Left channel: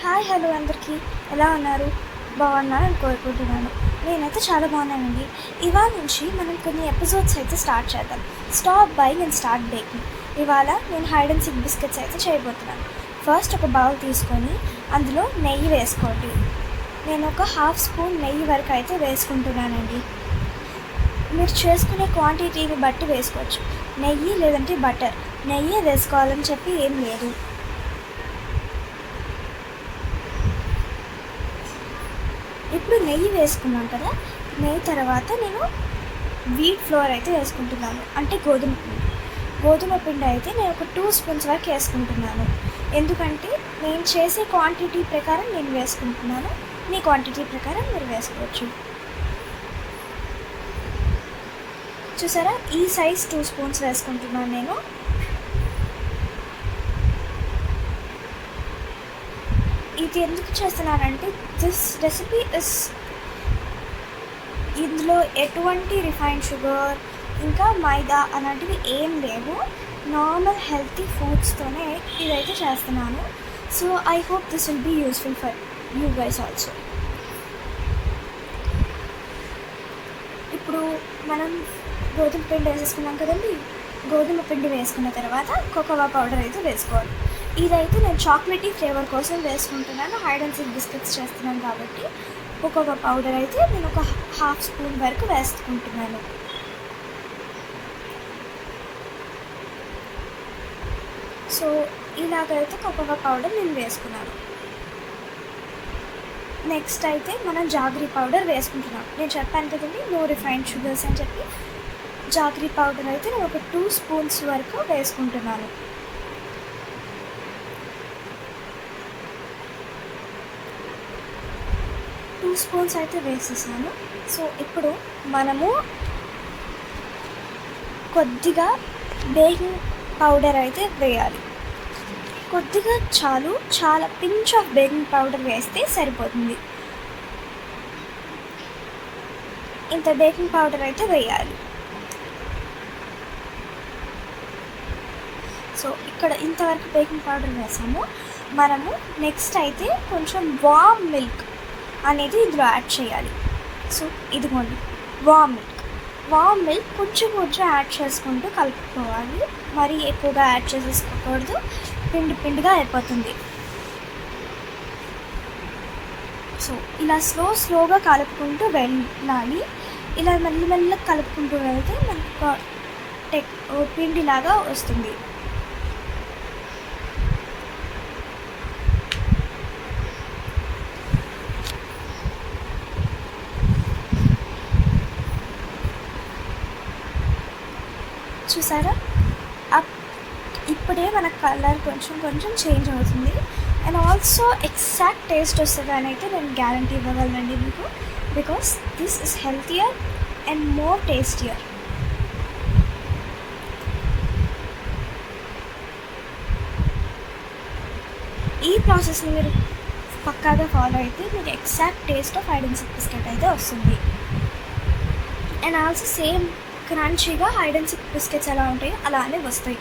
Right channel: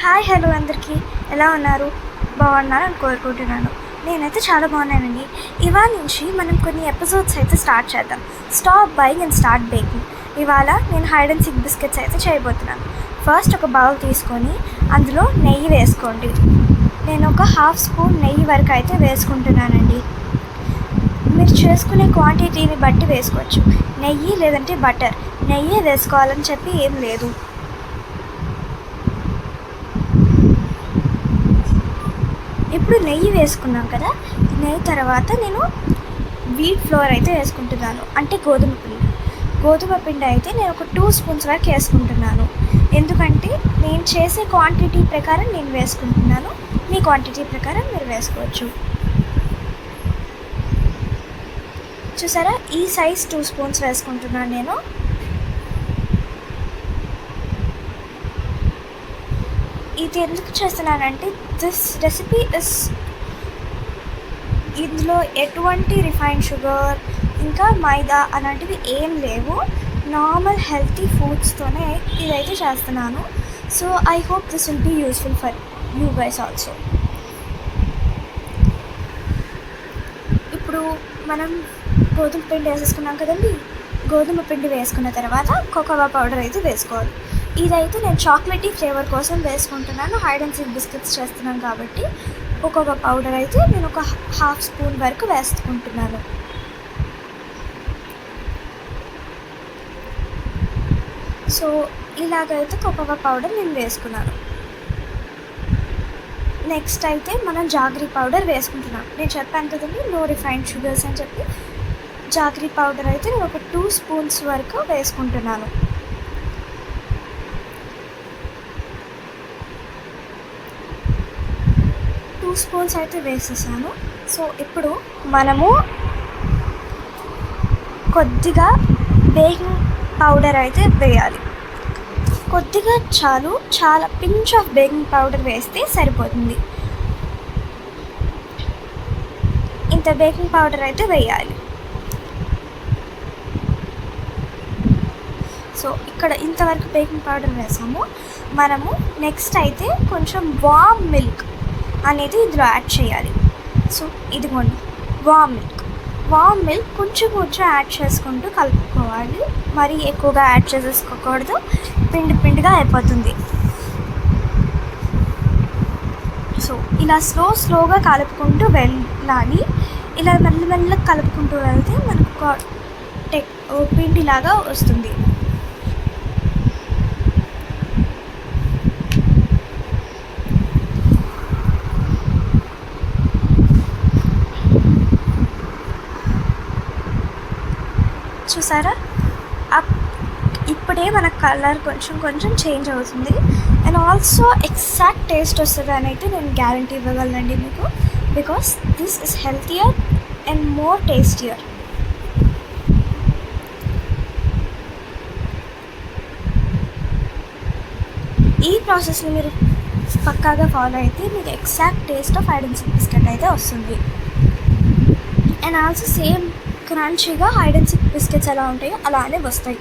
Hi hello అందరికీ ఎలా ఉన్నారు? బాగున్నారని కోరుకుంటున్నాను. నేనైతే చాలా బాగున్నానండి. ఇవాళ నుంచి మనం కొన్ని ఎపిసోడ్స్ అయితే స్టార్ట్ చేద్దాం. Stop buying and start baking. ఇవాళ నేను హైడ్ అండ్ సీక్ బిస్కెట్స్ అయితే చేయబోతున్నాను. ఫస్ట్ ఒక బౌల్ తీసుకొని అందులో నెయ్యి వేసుకోండి. నేను ఒక హాఫ్ స్పూన్ నెయ్యి వరకు అయితే వేసుకుంటున్నానండి. మీరు చేసుకునే క్వాంటిటీని బట్టి వేసుకోవచ్చు. నెయ్యి లేదంటే బటర్, నెయ్యి వేసుకోవాలని చెప్పి ఏం లేదు. ఇప్పుడు నెయ్యి వేసుకున్నాం కదా, నెయ్యి తర్వాత నేను వీట్ ఫ్లోర్ అయితే వేసుకుంటున్నాను, అంటే గోధుమ పిండి అయితే నేను ఒక 2 స్పూన్స్ వరకు వేసుకుంటున్నాను. ఎందుకంటే నేను చేసే క్వాంటిటీ ప్రకారం నేను వేసుకుంటున్నాను, మీ క్వాంటిటీ ప్రకారం మీరు వేసుకోవచ్చు. చూసారా, ఈ సైజ్ 2 స్పూన్స్ వేసుకుంటున్నాను నేను. ఇది ఎందుకు చేస్తున్నానంటే దిస్ రెసిపీ ఇందులో ఎటువంటి రిఫైన్డ్ షుగర్ ఇంకా మైదా అలాంటివి ఏం లేవు. నార్మల్ హెల్తీ ఫుడ్స్తోనే ఇదైతే చేస్తున్నాను. So I hope this will be useful for you guys also. ఇప్పుడు మనం గోధుమ పిండి వేసేసుకున్నాం కదండి. గోధుమ పిండి వేసుకున్న తర్వాత కోకోవా పౌడర్ అయితే వేసుకోవాలి. ఇదైతే నేను చాక్లెటీ ఫ్లేవర్ కోసం వేసుకుంటున్నాను. హైడ్ అండ్ సీక్ బిస్కెట్స్ చేస్తున్నాను కాబట్టి కోకోవా పౌడర్ అయితే నేను ఒక హాఫ్ స్పూన్ వరకు వేసుకుంటున్నాను. సో ఇలాగైతే కోకోవా పౌడర్ నేను వేసుకున్నాను. నెక్స్ట్ అయితే మనం జాగరీ పౌడర్ వేసుకుంటున్నాం. నేను చెప్పాను కదండి నో రిఫైన్డ్ షుగర్స్ అని చెప్పి. జాగరీ పౌడర్ అయితే నేను ఒక 2 స్పూన్స్ వరకు వేసుకుంటున్నాను. స్పూన్స్ అయితే వేసేసాను. సో ఇప్పుడు మనము కొద్దిగా బేకింగ్ పౌడర్ అయితే వేయాలి. కొద్దిగా చాలు, చాలా పించ్ ఆఫ్ బేకింగ్ పౌడర్ వేస్తే సరిపోతుంది. ఇంత బేకింగ్ పౌడర్ అయితే వేయాలి. సో ఇక్కడ ఇంతవరకు బేకింగ్ పౌడర్ వేసాము. మనము నెక్స్ట్ అయితే కొంచెం వామ్ మిల్క్ అనేది ఇందులో యాడ్ చేయాలి. సో ఇదిగోండి వామ్ మిల్క్ కొంచెం యాడ్ చేసుకుంటూ కలుపుకోవాలి. మరీ ఎక్కువగా యాడ్ చేసేసుకోకూడదు, పిండిగా అయిపోతుంది. సో ఇలా స్లోగా కలుపుకుంటూ వెళ్ళాలి. ఇలా మెల్లగా కలుపుకుంటూ వెళ్తే మనకు పిండిలాగా వస్తుంది. చూసారా, ఇప్పుడే మన కలర్ కొంచెం చేంజ్ అవుతుంది. అండ్ ఆల్సో ఎగ్జాక్ట్ టేస్ట్ వస్తుంది అని అయితే నేను గ్యారంటీ ఇవ్వగలనండి మీకు. Because this is healthier and more tastier. ఈ ప్రాసెస్ని మీరు పక్కాగా ఫాలో అయితే మీకు exact taste of hide and seek biscuit అయితే వస్తుంది. అండ్ ఆల్సో సేమ్ క్రంచీగా హైడ్ అండ్ సీక్ బిస్కెట్స్ ఎలా ఉంటాయో అలానే వస్తాయి.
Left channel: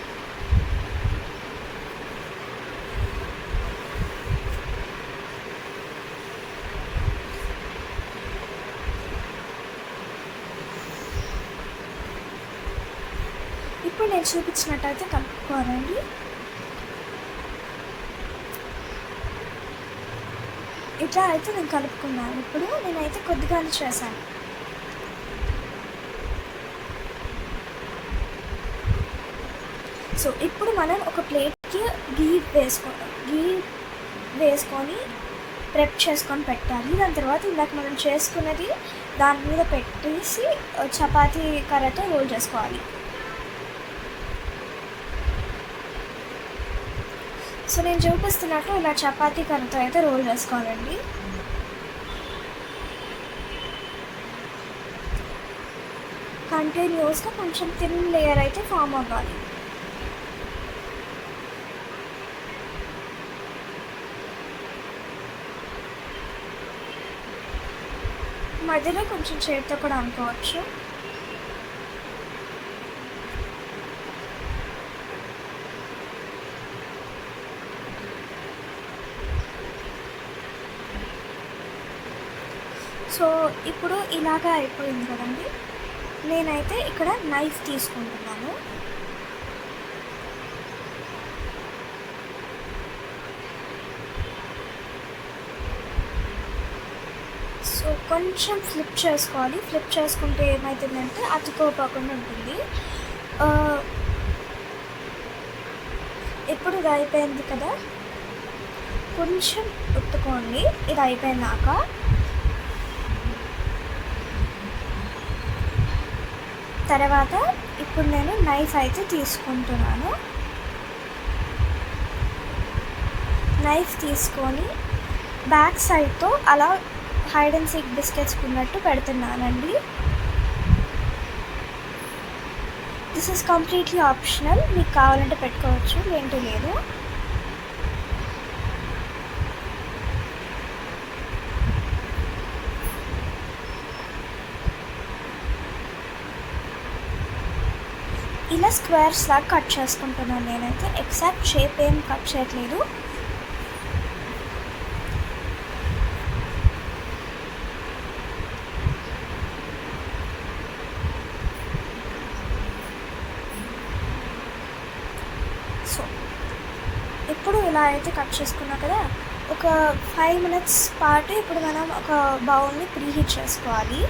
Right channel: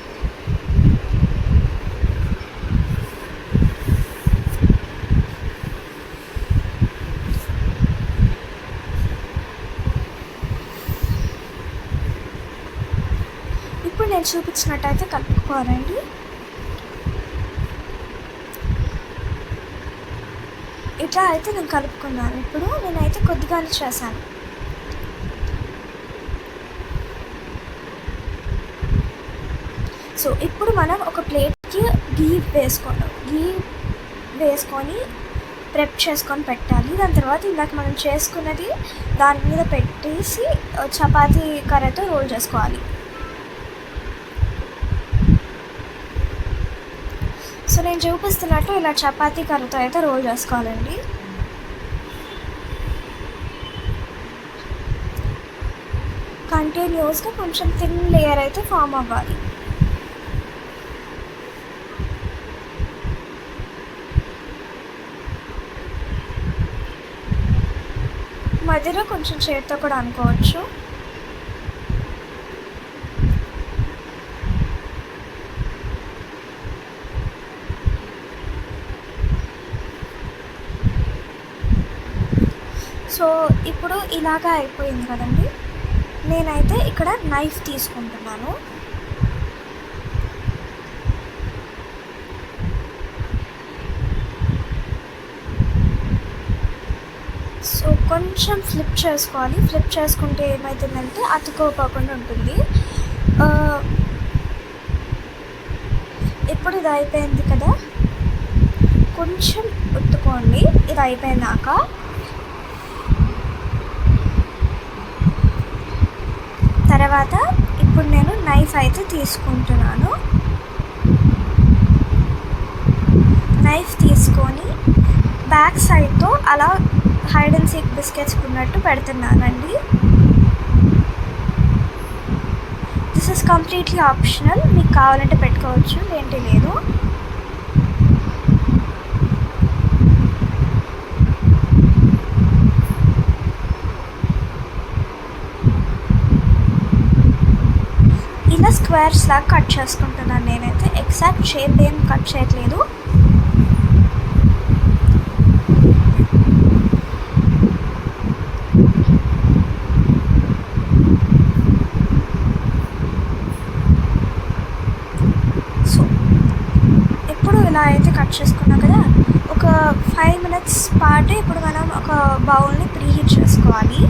ఇప్పుడు నేను చూపించినట్టయితే కలుపుకోవాలండి. ఇట్లా అయితే నేను కలుపుకున్నాను. ఇప్పుడు నేనైతే కొద్దిగానే చేశాను. సో ఇప్పుడు మనం ఒక ప్లేట్కి గీ వేసుకొని ప్రెప్ చేసుకొని పెట్టాలి. దాని తర్వాత ఇందాక మనం చేసుకున్నది దాని మీద పెట్టేసి చపాతీ కర్రతో రోల్ చేసుకోవాలి. సో నేను చూపిస్తున్నట్టు ఇలా చపాతీ కర్రతో అయితే రోల్ చేసుకోవాలండి. కంటిన్యూస్గా కొంచెం థిన్ లేయర్ అయితే ఫామ్ అవ్వాలి. మధ్యలో కొంచెం చేతితో కూడా అనుకోవచ్చు. సో ఇప్పుడు ఇలాగా అయిపోయింది కదండి. నేనైతే ఇక్కడ నైఫ్ తీసుకుంటున్నాను. సో కొంచెం ఫ్లిప్ చేసుకోవాలి. ఫ్లిప్ చేసుకుంటే ఏమవుతుందంటే అతుక్కోపోకుండా ఉంటుంది. ఇప్పుడు ఇది అయిపోయింది కదా, కొంచెం ఒత్తుకోండి. ఇది అయిపోయినాక తర్వాత ఇప్పుడు నేను నైఫ్ అయితే తీసుకుంటున్నాను. నైఫ్ తీసుకొని బ్యాక్ సైడ్తో అలా హైడ్ అండ్ సీక్ బిస్కెట్స్ ఉన్నట్టు పెడుతున్నానండి. దిస్ ఇస్ కంప్లీట్లీ ఆప్షనల్, మీకు కావాలంటే పెట్టుకోవచ్చు, ఏంటి లేదు. ఇలా స్క్వేర్స్ లాగా కట్ చేసుకుంటున్నాను. నేనైతే ఎగ్జాక్ట్ షేప్ ఏం కట్ చేయట్లేదు. సో ఇప్పుడు ఇలా అయితే కట్ చేసుకున్నాం కదా, ఒక 5 minutes పాటు ఇప్పుడు మనం ఒక బౌల్ని ప్రీహీట్ చేసుకోవాలి.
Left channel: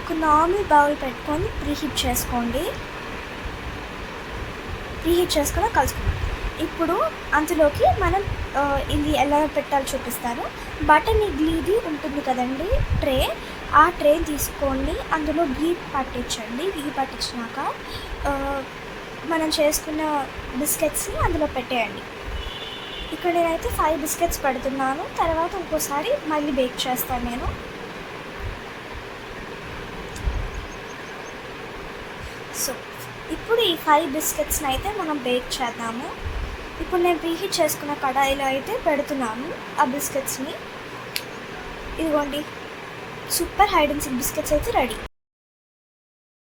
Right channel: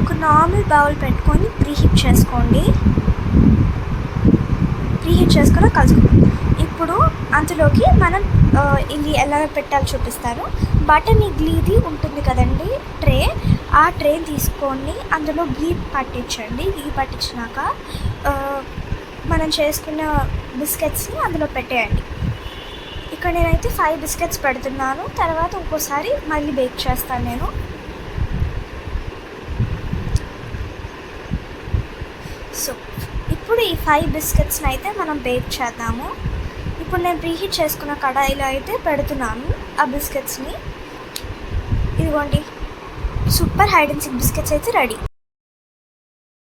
ఒక నార్మల్ బౌల్ పెట్టుకొని ప్రీహీట్ చేసుకోండి. ప్రీహీట్ చేసుకొని కలుసుకుంటాం. ఇప్పుడు అందులోకి మనం ఇది ఎలా పెట్టాలో చూపిస్తాను. బటన్ ఇడ్లీది ఉంటుంది కదండి ట్రే, ఆ ట్రే తీసుకోండి. అందులో గీ పట్టించండి. గీ పట్టించినాక మనం చేసుకున్న బిస్కెట్స్ని అందులో పెట్టేయండి. ఇక్కడ నేనైతే 5 బిస్కెట్స్ పెడుతున్నాను. తర్వాత ఇంకోసారి మళ్ళీ బేక్ చేస్తాను నేను. సో ఇప్పుడు ఈ 5 బిస్కెట్స్ని అయితే మనం బేక్ చేద్దాము. ఇప్పుడు నేను ప్రీహీట్ చేసుకున్న కడాయిలో అయితే పెడుతున్నాను ఆ బిస్కెట్స్ని. ఇదిగోండి, super hide and seek biscuits అయితే రెడీ.